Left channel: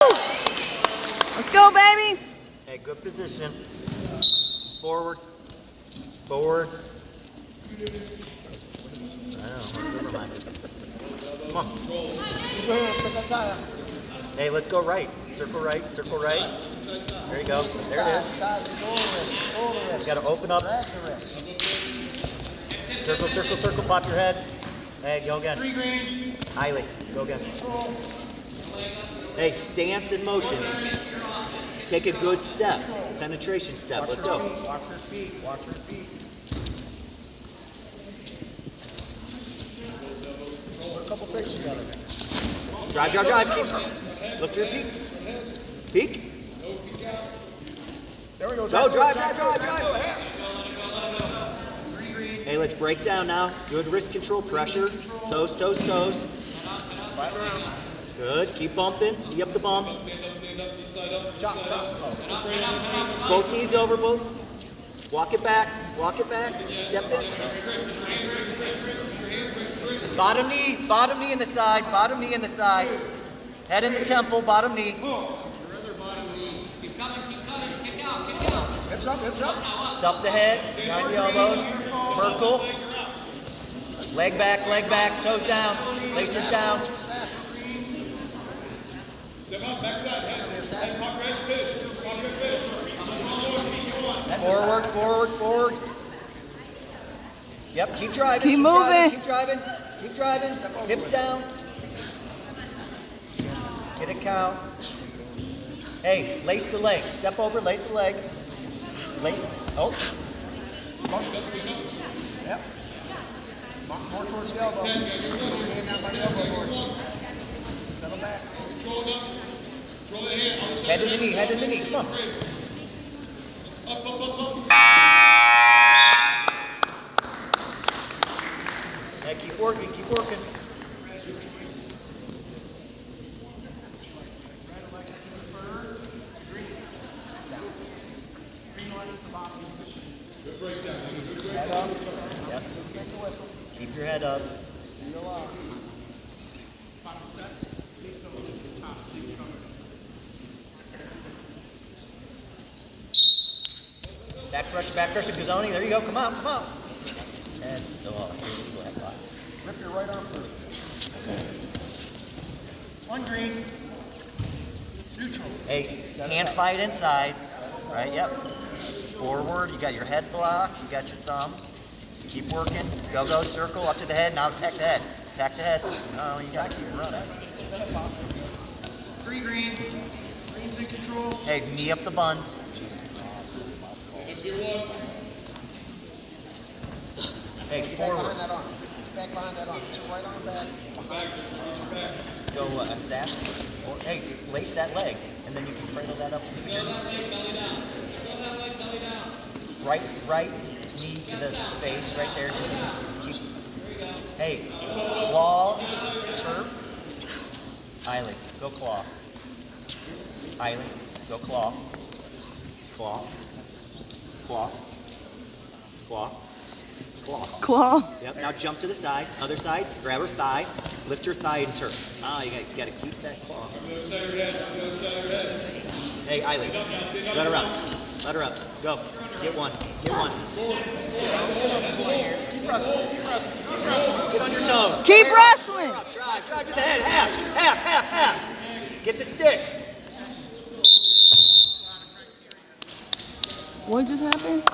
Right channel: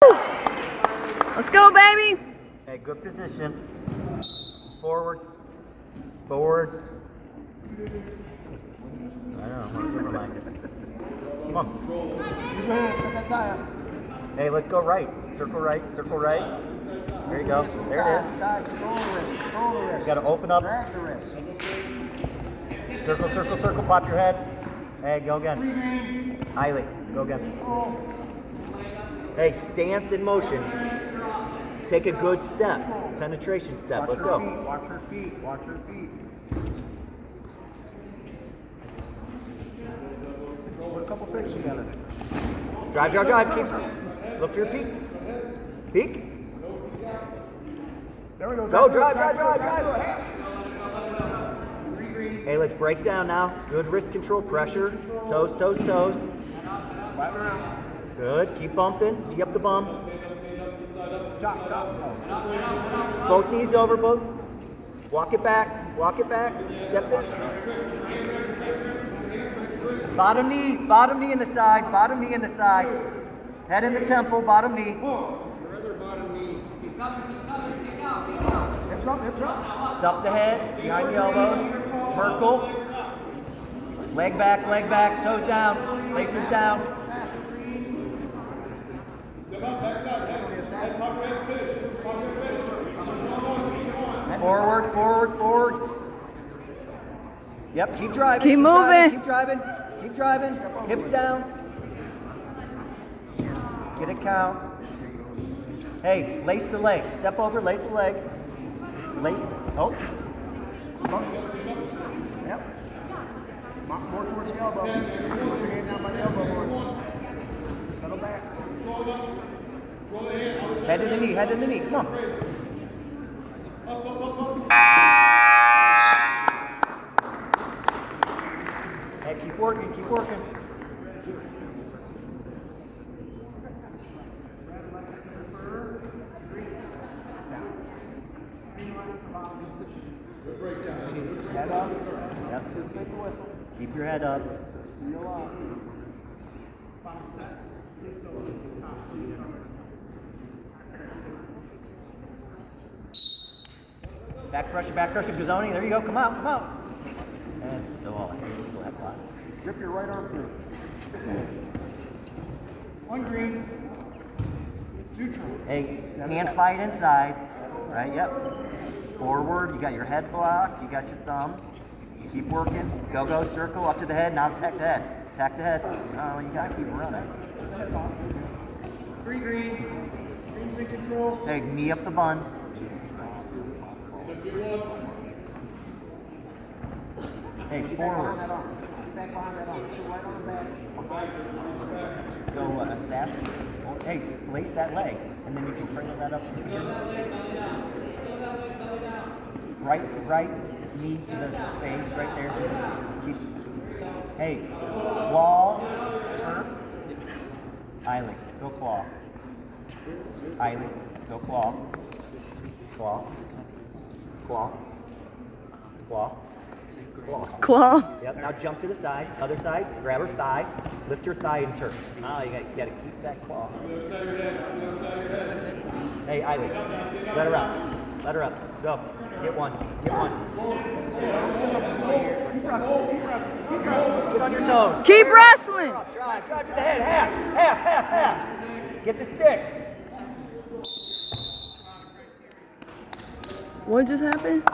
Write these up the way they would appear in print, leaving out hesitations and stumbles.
Let's go, baby. Hey, good position. Forward. Forward. I know. Never mind. Come on. Use your hand. Set that tie up. Hey, let's go right. Circle right. Circle right. There you go. There it is. Control the wrist. Control the wrist. You got to open up. Drag the wrist. Circle, circle, circle. Pop your head. Hey, go again. Eiley, go again. Hey, stance in motion. Take a good step. Penetration step. Let's go. Watch her feet. Watch her feet. Put a couple fixes together. Drive, drive, drive. Keep. Look for your peak. Peak. There we go. Go, drive, drive, drive, drive. Hey, let's break down now. Good wrist control. Pressure. Toes, toes, toes. Flat around. Good. Keep bumping. Knee up the bum. Chop, chop. Both knees over, both. Walk it back. Walk it back. Step in. Bottom knee in the side. Bottom knee in the side. Head in the temple. Bottom knee. Hips up, hips up. Stuff the head. Behind the elbows. Merkle. Leg back. Toes down. Laces down. Forward, forward, forward. Yep, keep driving. Keep moving. Keep driving. Keep driving. Hips down. Get a count. Hey, lace the leg. Step over, lace the leg. Lace. Oh. Yep. More towards the elbow. Put your hand down by the elbow more. Settle back. Head to the knee, head to the knee. Come on. Hey, keep working, keep working. Head up. Yep. Just make the whistle. Keep your head up. Seal off. Back pressure, Gazzoni. There you go. Come out, come out. And still all right. Go ahead, Bob. Rip your right arm through. On green. Neutral. Hey, hand fight inside. Right, yep. Forward, you got your head blocked, you got your thumbs. Keep working. Go, go, circle up to the head. Now attack the head. Attack the head. Oh, you gotta keep running. Green. Green's in control. Hey, knee up the buns. Hey, Keep forward. back behind that arm. Keep back behind that arm. Put your right arm back. Behind. Go zap. Hey, lace that leg, and then you can cradle that up. Right knee to the face, right there. Just keep. Hey, claw, turp. Eiley, go claw. Eiley, go claw. Claw. Claw. Claw. Claw. Claw. Yep, now jump to the side, other side, grab her thigh, lift her thigh and turn. Ah, you gotta keep that claw. Hey, Eiley, let her up, go. Get one. Keep wrestling. Get on your toes. Keep wrestling. Drive to the head, half. Get the stick. What just happened?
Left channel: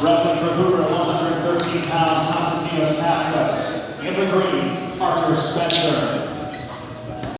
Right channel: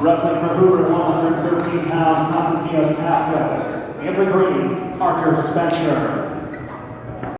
Wrestling for Hoover, 113 pounds, Constantinos Passos. In the green, Parker Spencer.